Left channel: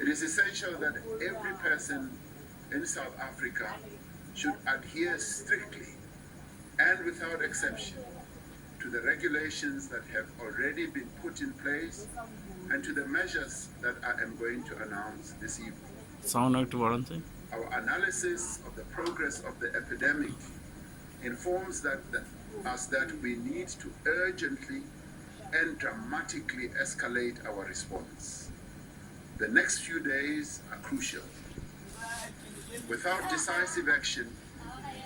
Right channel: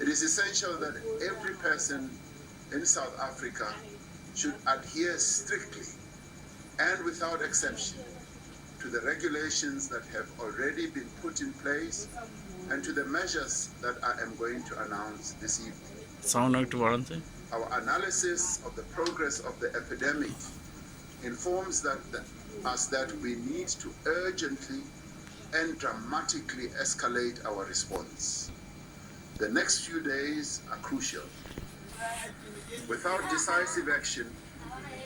It is essential that every person in South Africa should adhere strictly and without exception to the regulations that have already been put in place and to the measures that I am going to announce this evening. Our analysis of the progress of the epidemic informs us that we need to urgently and dramatically escalate our response. The next few days are crucial. Without decisive action,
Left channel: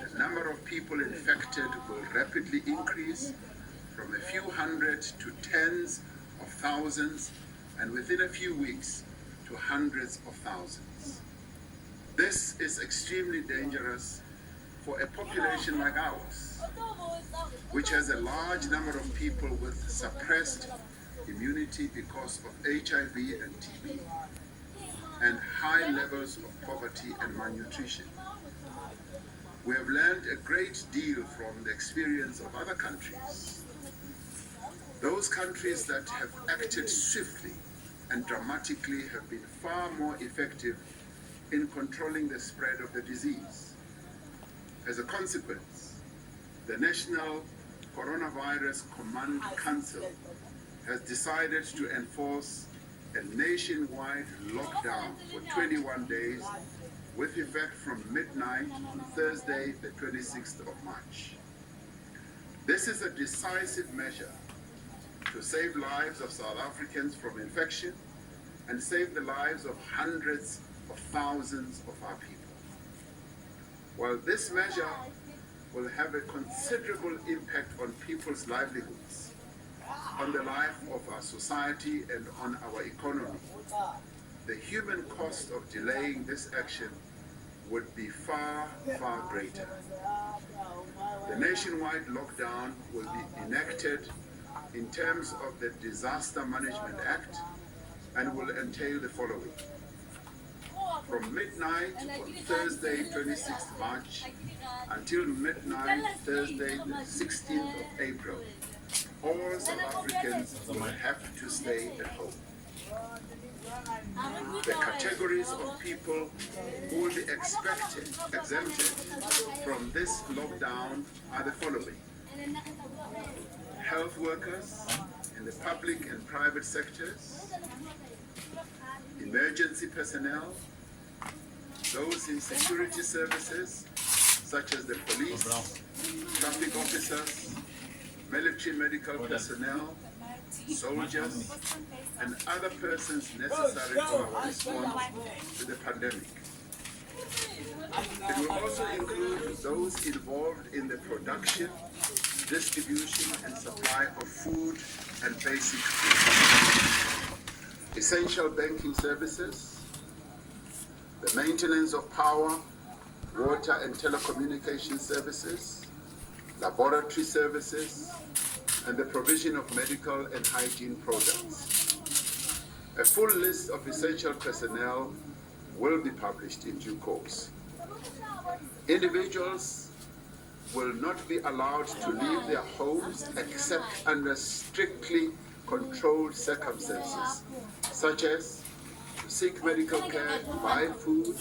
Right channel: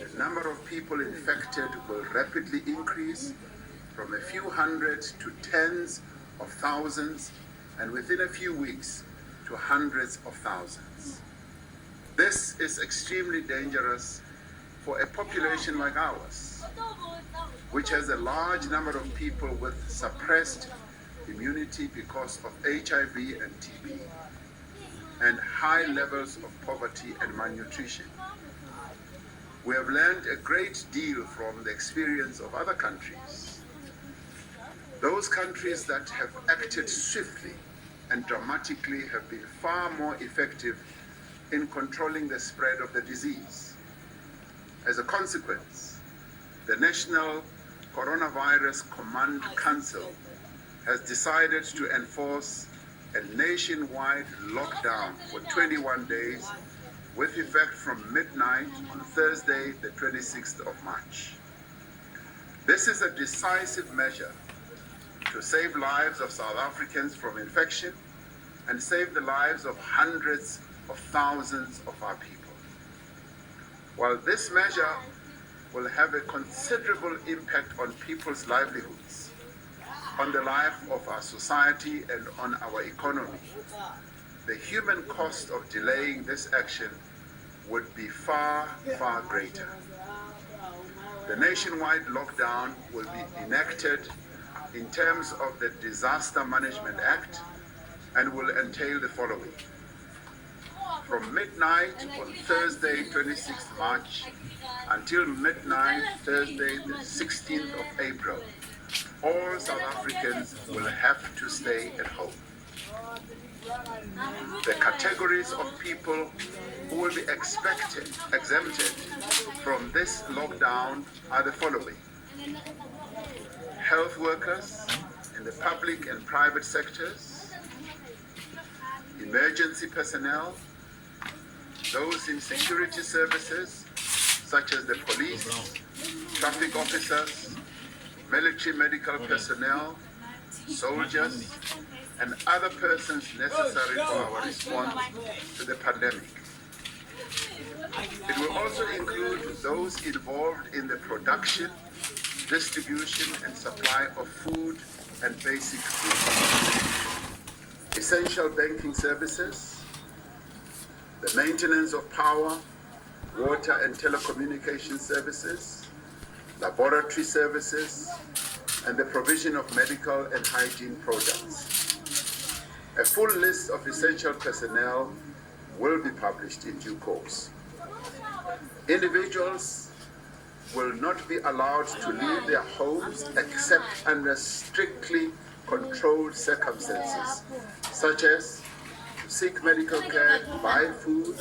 the number of people infected will rapidly increase from a few hundred to tens of thousands, and within a few weeks to hundreds of thousands. This is extremely dangerous for a population like ours, which has a large number of people with suppressed immunity because of HIV and TB, and high levels of poverty and malnutrition. We have learned a great deal from the experience of other countries. Those countries that have acted swiftly and dramatically have been far more effective in controlling the spread of the disease. As a consequence, the National Coronavirus Command Council has decided to enforce a nationwide lockdown for 21 days with effect from midnight on Thursday, the 26th of March. This is a decisive measure to save lives of South Africans from infection and save the lives of hundreds of thousands of our people. While this measure will have a considerable impact on people's livelihoods, on the life of our society and on our economy, the human cost of delaying this action would be far, far greater. The nationwide lockdown will be enacted in terms of the Disaster Management Act and will entail the following. From midnight on Thursday, 26th March, until midnight Thursday, the 16th of April, all South Africans will have to stay at home. The categories of people who will be exempted from this lockdown are the following. Health workers in the public and private sectors, emergency personnel, those in security services such as the police, traffic officers, military medical personnel, soldiers, and other persons necessary for our response to the pandemic. It will also include those involved in the production, distribution, and supply of food and basic goods, essential banking services, the maintenance of power, water and telecommunication services, laboratory services, and the provision of medical and hygiene products. A full list of essential personnel will be published in due course. Individuals will not be allowed to leave their homes except under strictly controlled circumstances, such as to seek medical care, buy food,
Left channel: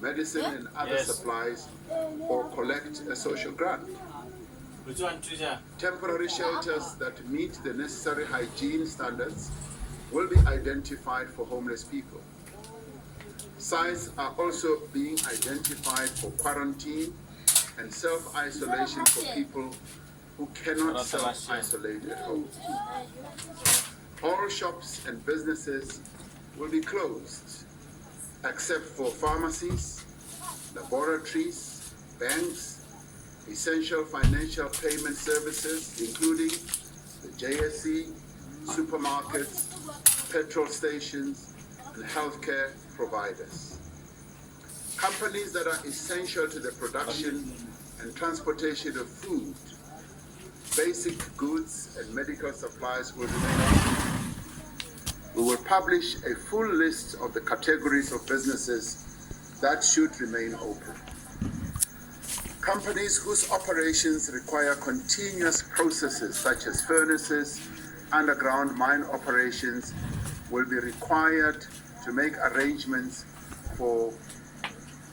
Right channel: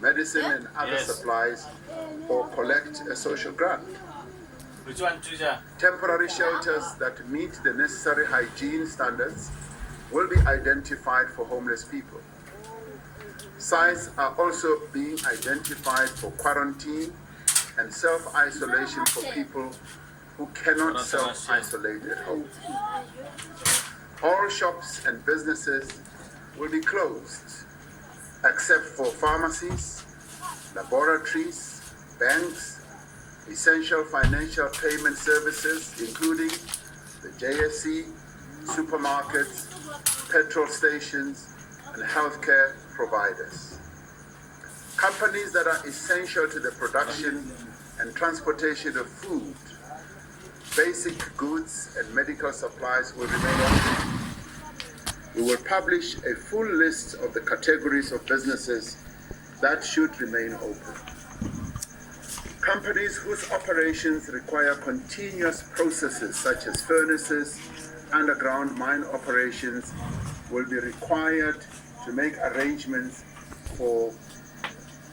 medicine and other supplies, or collect a social grant. Temporary shelters that meet the necessary hygiene standards will be identified for homeless people. Sites are also being identified for quarantine and self-isolation for people who cannot self-isolate at home. All shops and businesses will be closed, except for pharmacies, laboratories, banks, essential financial payment services, including the JSE, supermarkets, petrol stations, and healthcare providers. Companies that are essential to the production and transportation of food, basic goods, and medical supplies will remain open. We will publish a full list of the categories of businesses that should remain open. Companies whose operations require continuous processes such as furnaces, underground mine operations will be required to make arrangements for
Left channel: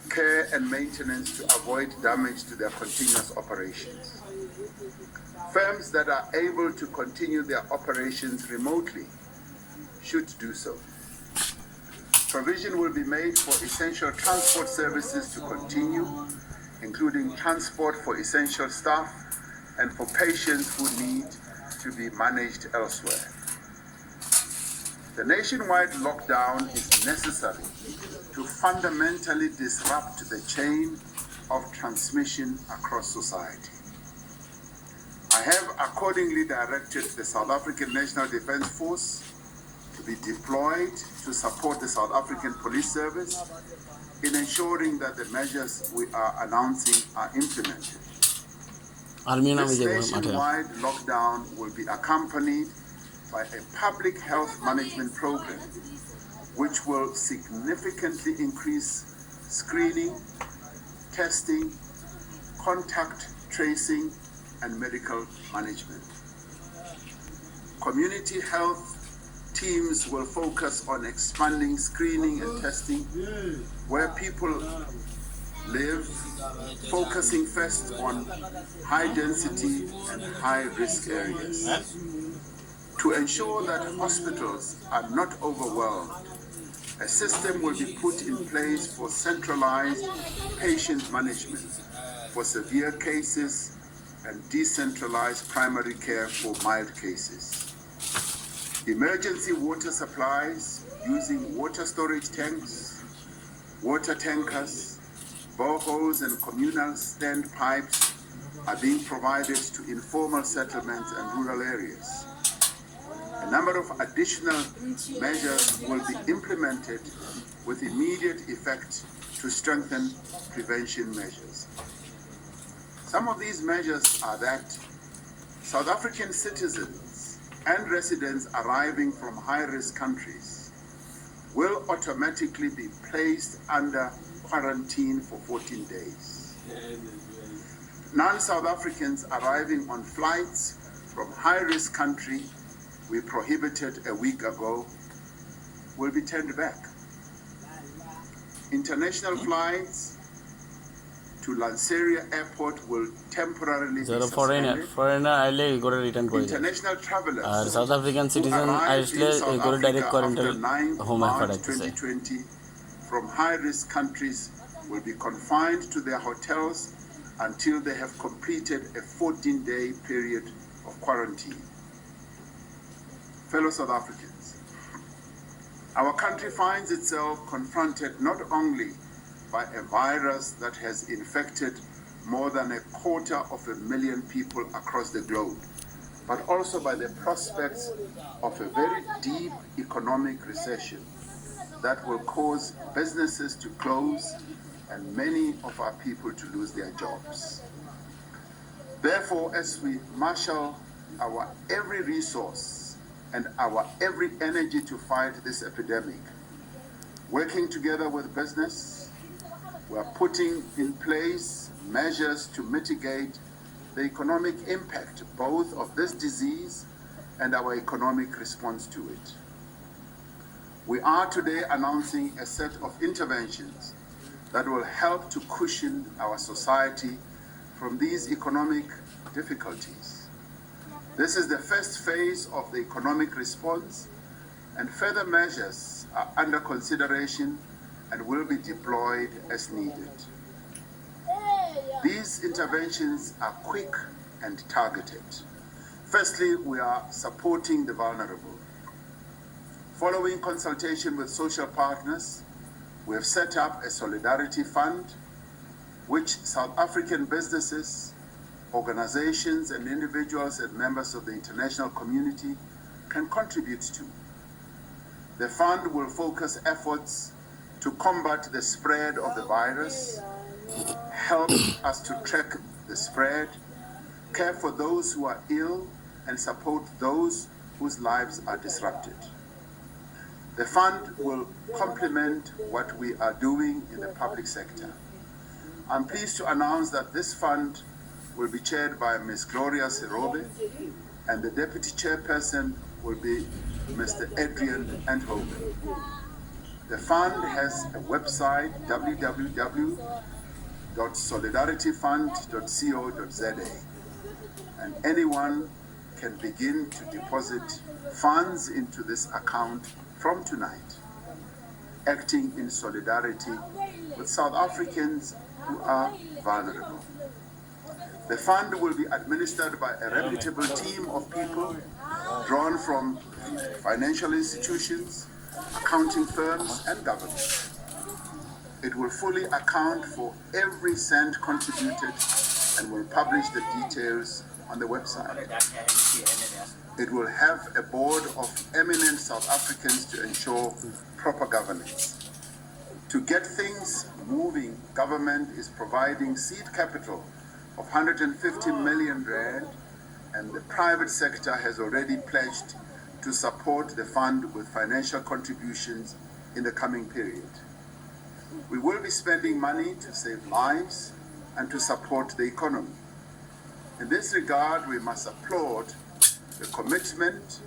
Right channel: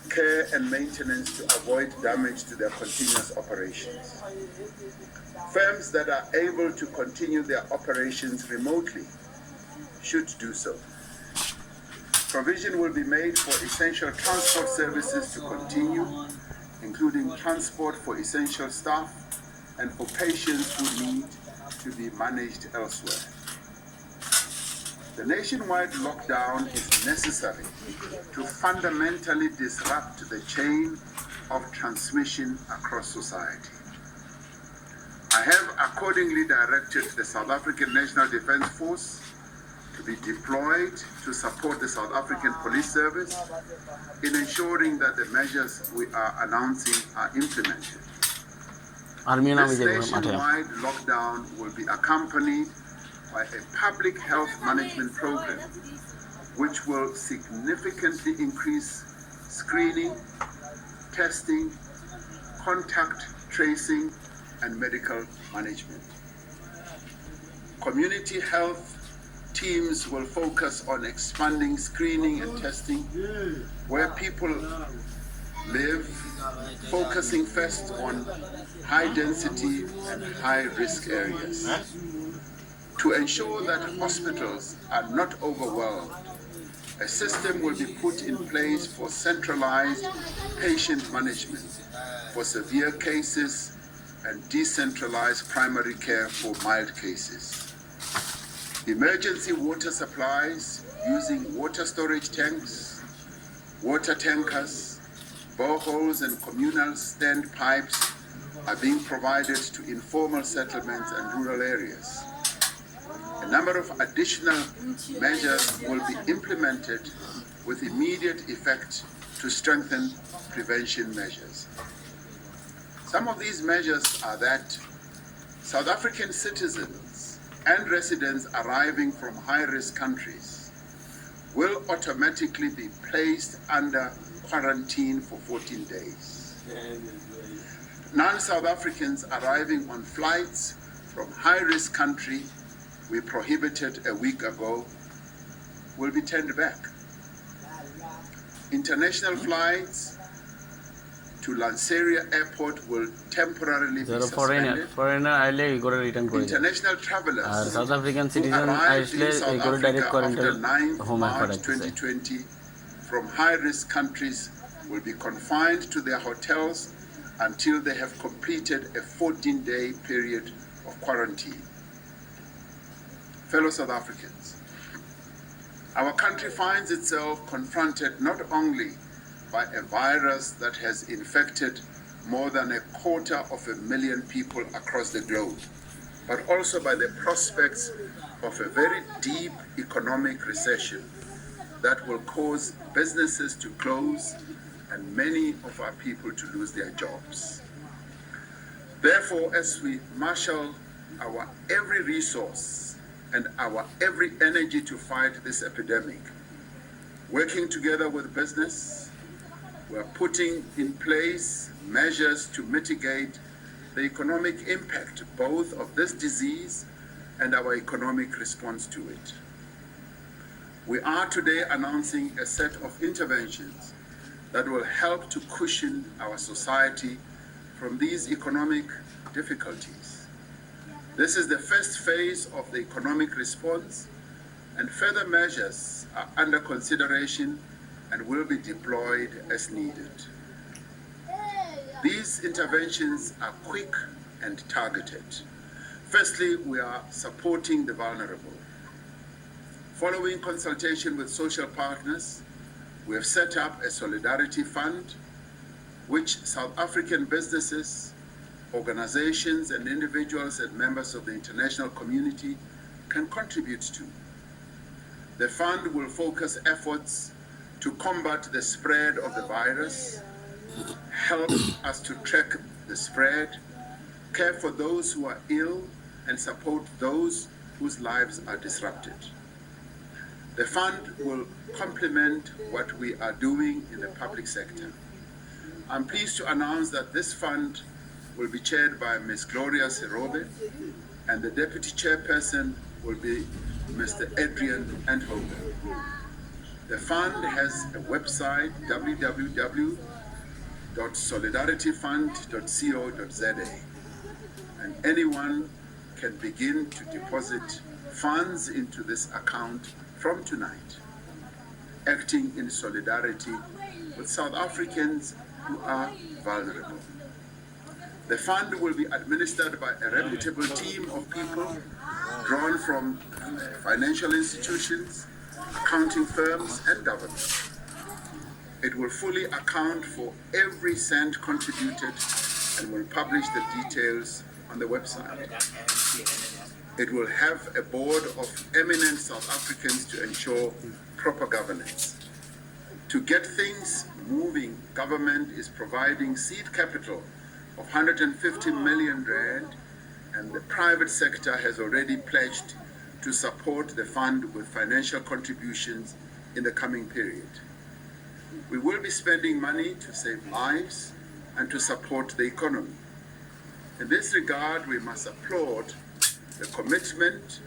care and maintenance to avoid damage to their continuous operations. Firms that are able to continue their operations remotely should do so. Provision will be made for essential transport services to continue, including transport for essential staff and for patients who need to be managed elsewhere. The nationwide lockdown is necessary to fundamentally disrupt the chain of transmission across society. I have accordingly directed the South African National Defence Force to be deployed to support the South African Police Service in ensuring that the measures we are announcing are implemented. This nationwide lockdown will be accompanied by a public health management program which will significantly increase screening, testing, contact tracing, and medical management. Community health teams will focus on expanding screening and testing where people live, focusing first on high density and high risk areas. To ensure that hospitals are not overwhelmed, a system will be put in place for centralized patient management for severe cases and decentralized primary care for mild cases. Emergency water supplies using water storage tanks, water tankers, boreholes and communal standpipes are being provided to informal settlements and rural areas. A number of additional measures will be implemented with immediate effect to strengthen prevention measures. Some of these measures are that South African citizens and residents arriving from high-risk countries will automatically be placed under quarantine for 14 days. Non-South Africans arriving on flights from high-risk country we prohibited a week ago will be turned back. International flights to Lanseria Airport will temporarily be suspended. International travelers South African citizen direct quarantine March 2020 from high-risk countries will be confined to their hotels until they have completed a 14-day period of quarantine. Fellow South Africans, our country finds itself confronted not only by a virus that has infected more than 250,000 people across the globe, but also by the prospects of a very deep economic recession that will cause businesses to close and many of our people to lose their jobs. Therefore, as we marshal our every resource and our every energy to fight this epidemic, working together with business, we're putting in place measures to mitigate the economic impact both of this disease and our economic response to it. We are today announcing a set of interventions that will help to cushion our society from these economic difficulties. This is the first phase of the economic response, and further measures are under consideration and will be deployed as needed. These interventions are quick and targeted. Firstly, we are supporting the vulnerable. Following consultation with social partners, we have set up a solidarity fund which South African businesses, organizations and individuals and members of the international community can contribute to. The fund will focus efforts to combat the spread of the virus, help us to track the spread, care for those who are ill, and support those whose lives are disrupted. The fund will complement what we are doing in the public sector. I'm pleased to announce that this fund will be chaired by Ms. Gloria Serobe, and the deputy chairperson will be Mr. Adrian Enthoven. The fund has a website, www.solidarityfund.co.za, and anyone can begin to deposit funds into this account from tonight, acting in solidarity with South Africans who are vulnerable. The fund will be administered by a reputable team of people drawn from financial institutions, accounting firms, and government. It will fully account for every cent contributed and will publish the details on the website. It will have a board of eminent South Africans to ensure proper governance. To get things moving, government is providing seed capital of 150 million rand, and the private sector has already pledged to support the fund with financial contributions in the coming period. We will be spending money to save lives and to support the economy. In this regard, we must applaud the commitment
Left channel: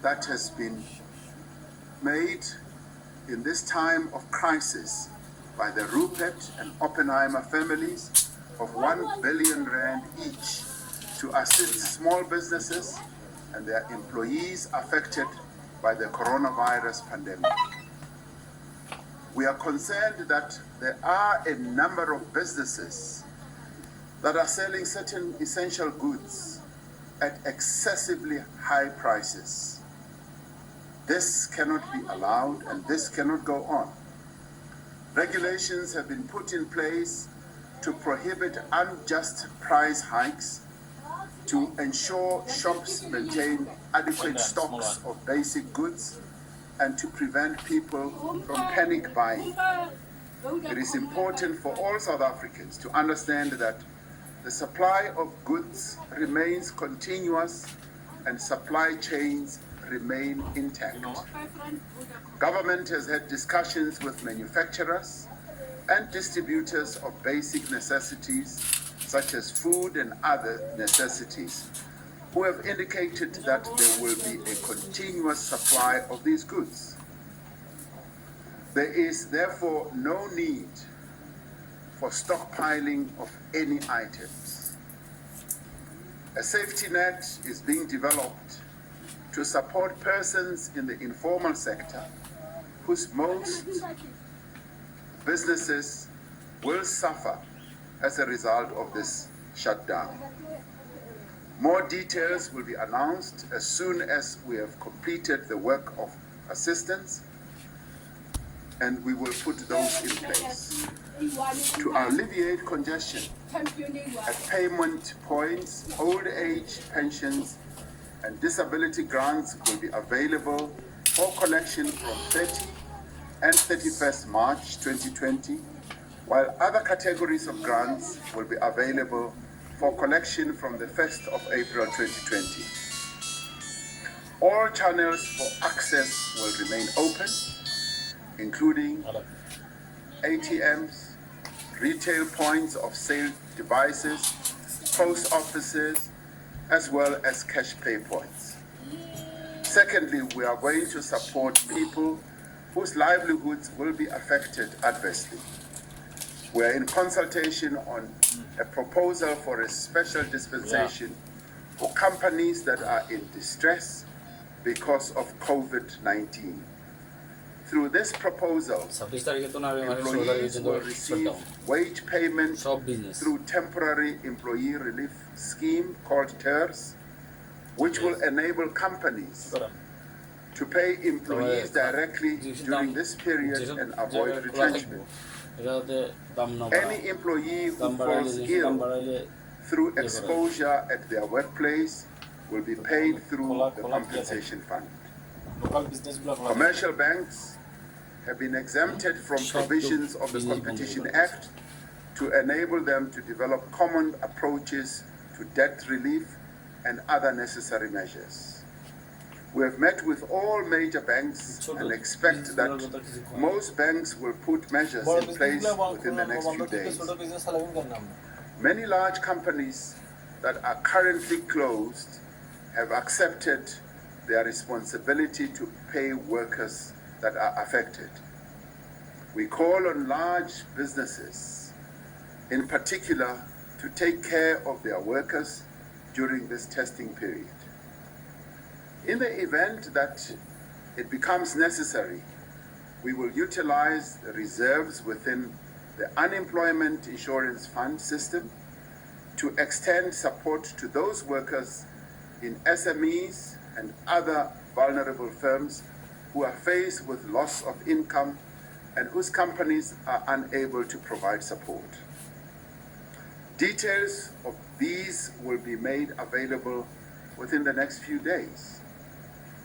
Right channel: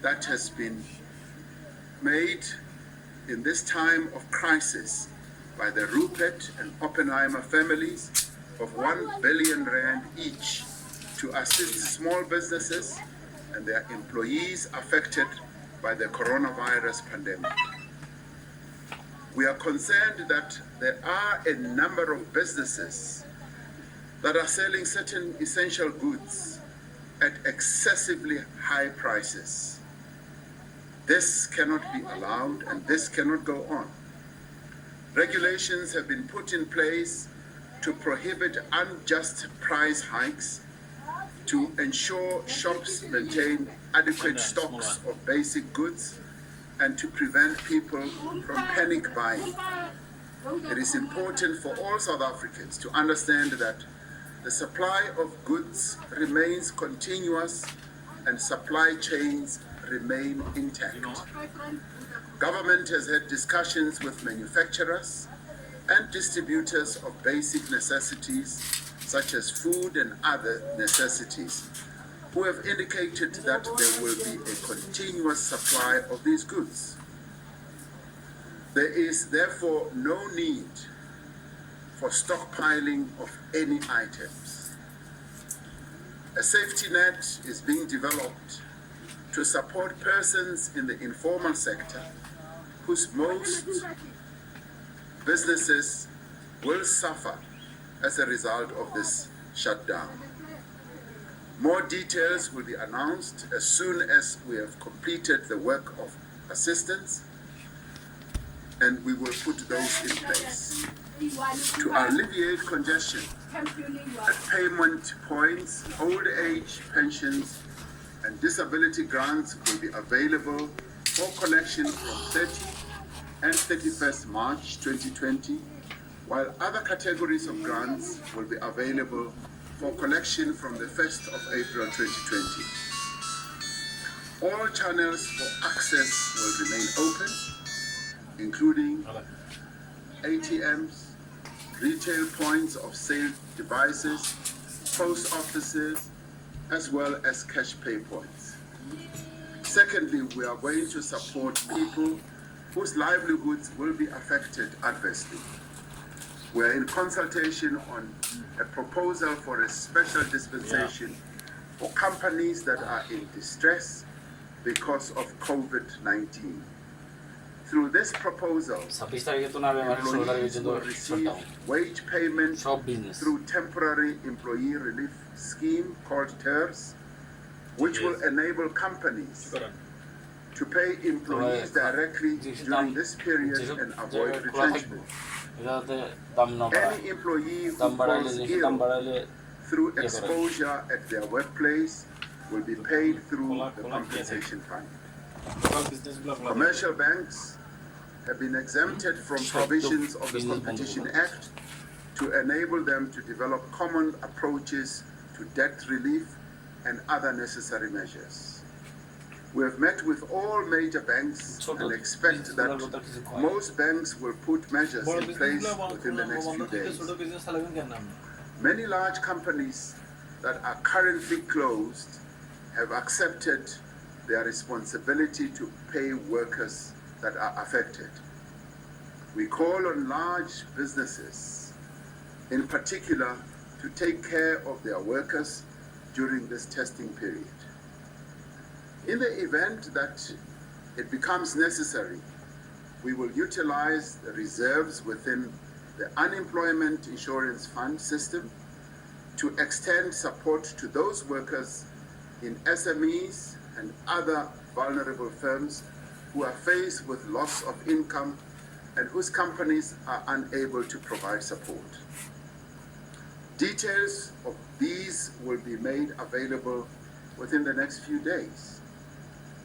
that has been made in this time of crisis by the Rupert and Oppenheimer families of 1 billion rand each to assist small businesses and their employees affected by the coronavirus pandemic. We are concerned that there are a number of businesses that are selling certain essential goods at excessively high prices. This cannot be allowed and this cannot go on. Regulations have been put in place to prohibit unjust price hikes, to ensure shops maintain adequate stocks of basic goods, and to prevent people from panic buying. It is important for all South Africans to understand that the supply of goods remains continuous and supply chains remain intact. Government has had discussions with manufacturers and distributors of basic necessities such as food and other necessities, who have indicated that there will be a continuous supply of these goods. There is therefore no need for stockpiling of any items. A safety net is being developed to support persons in the informal sector whose most businesses will suffer as a result of this shutdown. More details will be announced as soon as we have completed the work of assistance, and we will put those in place. To alleviate congestion at payment points, old age pensions and disability grants will be available for collection from 30 and 31st March 2020, while other categories of grants will be available for collection from the 1st of April 2020. All channels for access will remain open, including ATMs, retail points of sale devices, post offices, as well as cash pay points. Secondly, we are going to support people whose livelihoods will be affected adversely. We are in consultation on a proposal for a special dispensation for companies that are in distress because of COVID-19. Through this proposal, employees will receive wage payment through temporary employee relief scheme called TERS, which will enable companies to pay employees directly during this period and avoid retrenchment. Any employee who falls ill through exposure at their workplace will be paid through the compensation fund. Commercial banks have been exempted from provisions of the Competition Act to enable them to develop common approaches to debt relief and other necessary measures. We have met with all major banks and expect that most banks will put measures in place within the next few days. Many large companies that are currently closed have accepted their responsibility to pay workers that are affected. We call on large businesses, in particular, to take care of their workers during this testing period. In the event that it becomes necessary, we will utilize the reserves within the Unemployment Insurance Fund system to extend support to those workers in SMEs and other vulnerable firms who are faced with loss of income and whose companies are unable to provide support. Details of these will be made available within the next few days.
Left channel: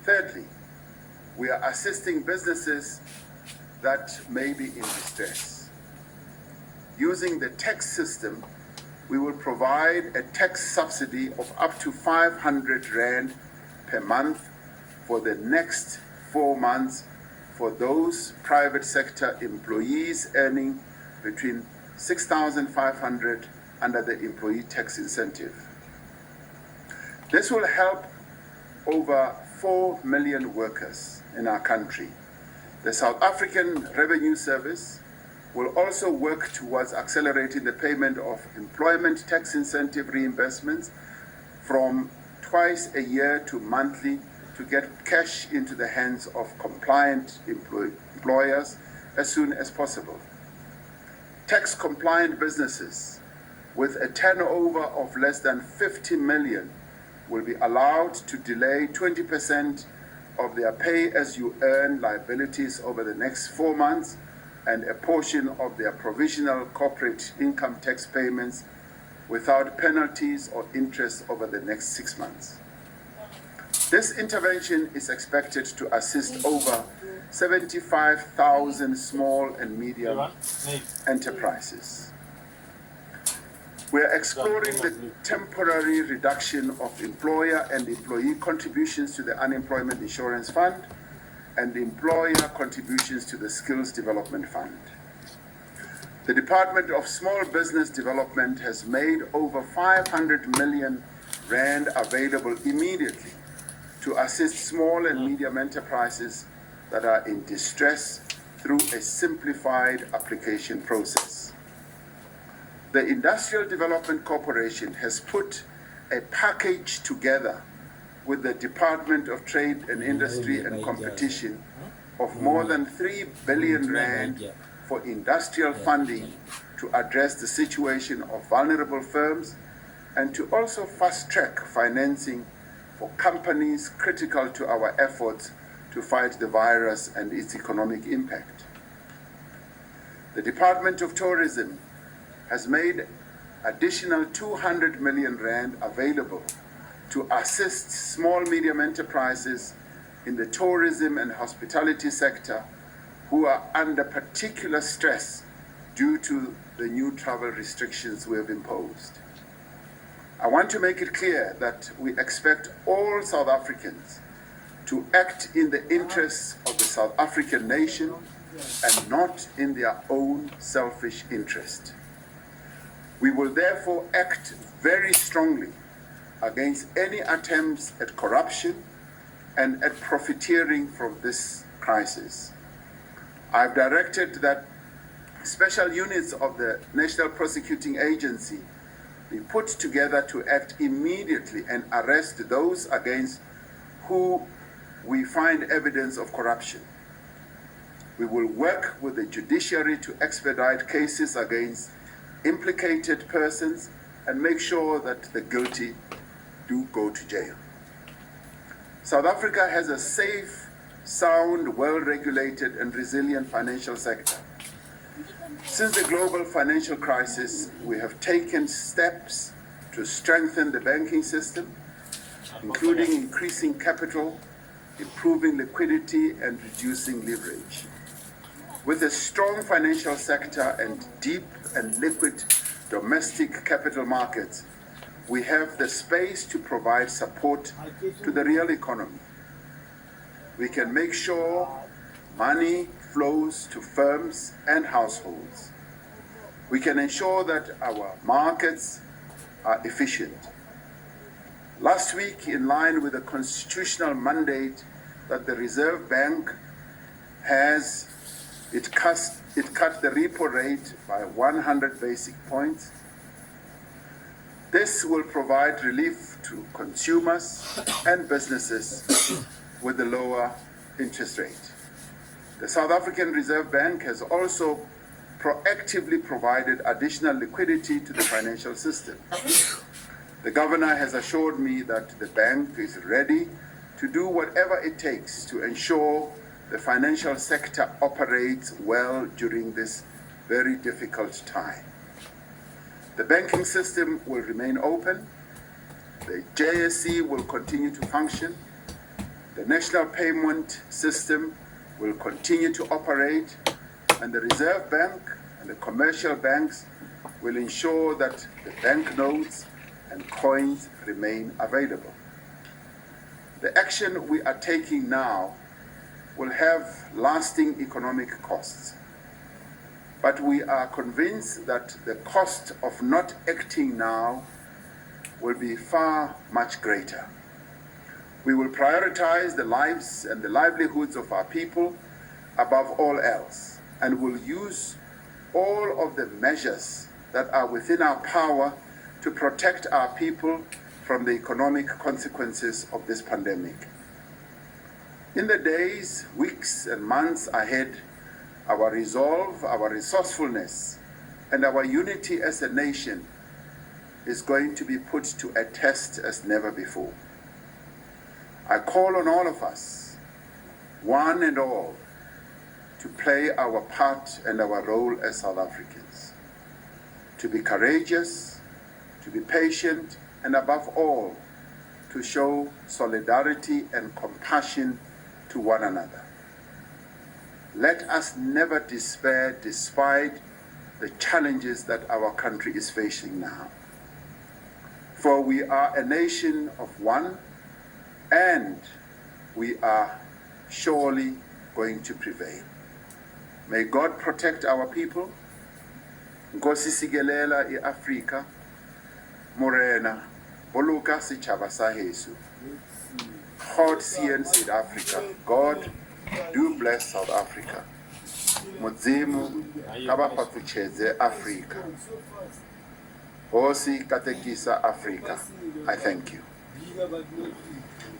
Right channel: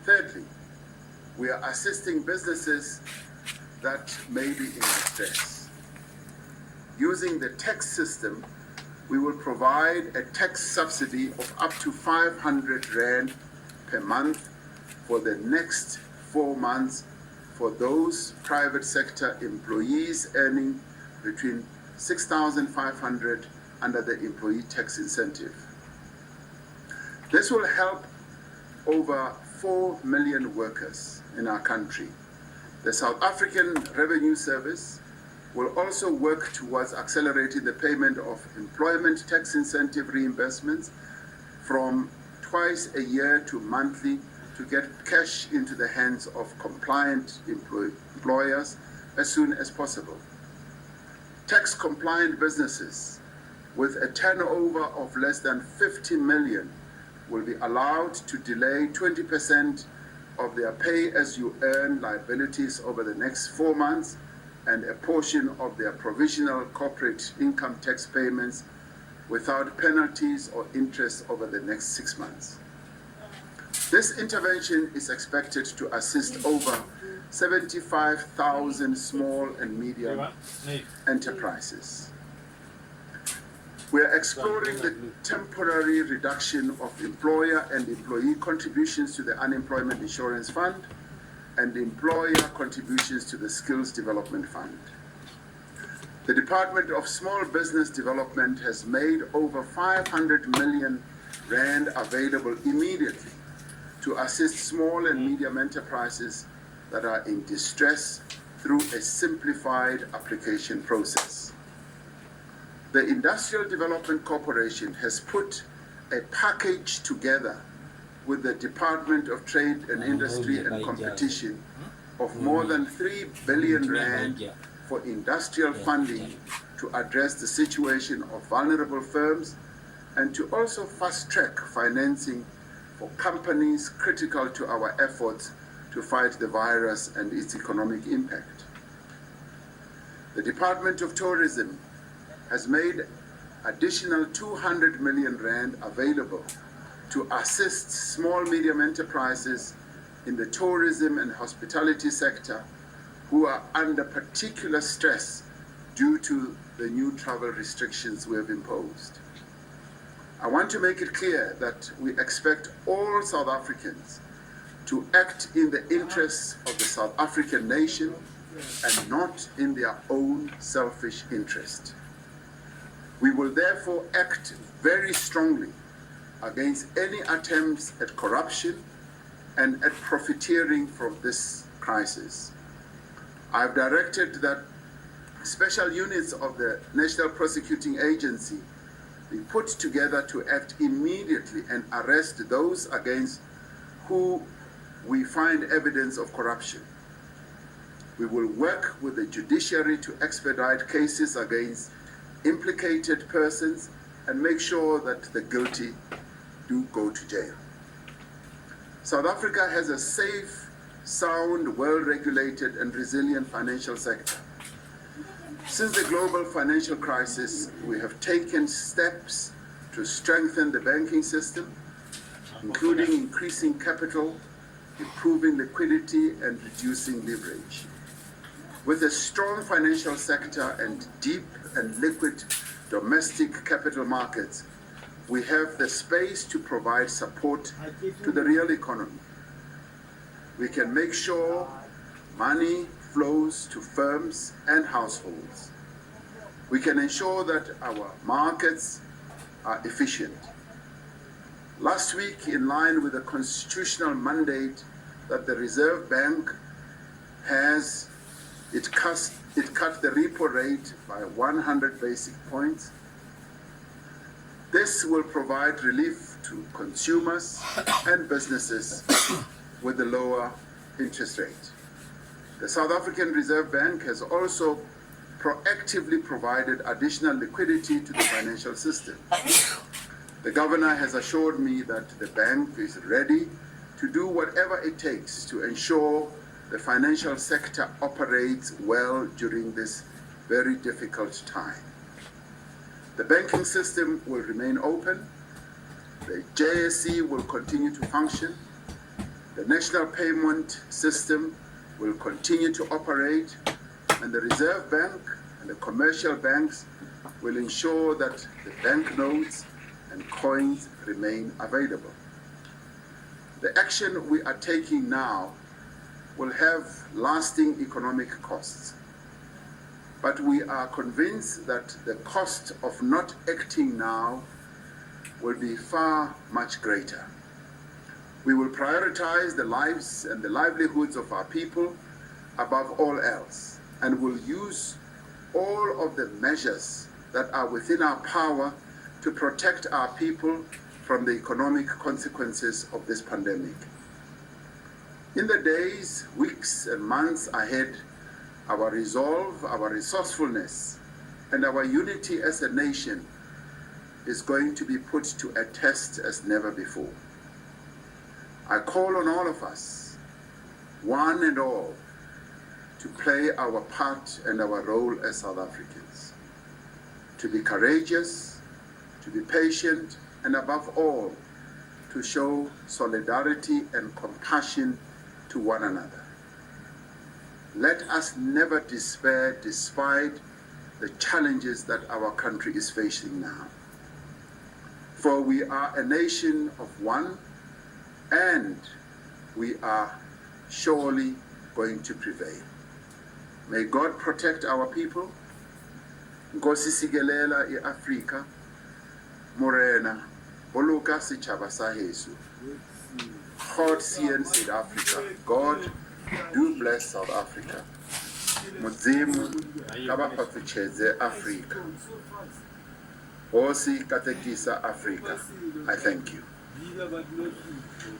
Thirdly, we are assisting businesses that may be in distress. Using the tax system, we will provide a tax subsidy of up to 500 Rand per month for the next 4 months for those private sector employees earning between 6,500 under the employee tax incentive. This will help over 4 million workers in our country. The South African Revenue Service will also work towards accelerating the payment of employment tax incentive reimbursements from twice a year to monthly to get cash into the hands of compliant employers as soon as possible. Tax-compliant businesses with a turnover of less than 50 million will be allowed to delay 20% of their pay-as-you-earn liabilities over the next 4 months and a portion of their provisional corporate income tax payments without penalties or interest over the next 6 months. This intervention is expected to assist over 75,000 small and medium enterprises. We are exploring the temporary reduction of employer and employee contributions to the Unemployment Insurance Fund and employer contributions to the Skills Development Fund. The Department of Small Business Development has made over 500 million Rand available immediately to assist small and medium enterprises that are in distress through a simplified application process. The Industrial Development Corporation has put a package together with the Department of Trade and Industry and Competition of more than 3 billion Rand for industrial funding to address the situation of vulnerable firms and to also fast-track financing for companies critical to our efforts to fight the virus and its economic impact. The Department of Tourism has made additional 200 million Rand available to assist small medium enterprises in the tourism and hospitality sector who are under particular stress due to the new travel restrictions we have imposed. I want to make it clear that we expect all South Africans to act in the interests of the South African nation and not in their own selfish interest. We will therefore act very strongly against any attempts at corruption and at profiteering from this crisis. I've directed that special units of the National Prosecuting Agency be put together to act immediately and arrest those against who we find evidence of corruption. We will work with the judiciary to expedite cases against implicated persons and make sure that the guilty do go to jail. South Africa has a safe, sound, well-regulated and resilient financial sector. Since the global financial crisis, we have taken steps to strengthen the banking system, including increasing capital, improving liquidity, and reducing leverage. With a strong financial sector and deep and liquid domestic capital markets, we have the space to provide support to the real economy. We can make sure money flows to firms and households. We can ensure that our markets are efficient. Last week, in line with the constitutional mandate that the Reserve Bank has It cut the repo rate by 100 basic points. This will provide relief to consumers and businesses with a lower interest rate. The South African Reserve Bank has also proactively provided additional liquidity to the financial system. The governor has assured me that the bank is ready to do whatever it takes to ensure the financial sector operates well during this very difficult time. The banking system will remain open, the JSE will continue to function, the national payment system will continue to operate, and the Reserve Bank and the commercial banks will ensure that the banknotes and coins remain available. The action we are taking now will have lasting economic costs, but we are convinced that the cost of not acting now will be far much greater. We will prioritize the lives and the livelihoods of our people above all else, and will use all of the measures that are within our power to protect our people from the economic consequences of this pandemic. In the days, weeks, and months ahead, our resolve, our resourcefulness, and our unity as a nation is going to be put to a test as never before. I call on all of us, one and all, to play our part and our role as South Africans, to be courageous, to be patient, and above all, to show solidarity and compassion to one another. Let us never despair despite the challenges that our country is facing now. For we are a nation of one, and we are surely going to prevail. May God protect our people. Nkosi sikelela i-Afrika, Morena, boloka setjhaba sa heso. God CN South Africa. God, do bless South Africa. Modimo, kaba patutsheze Africa. Hosi katekisa Africa. I thank you.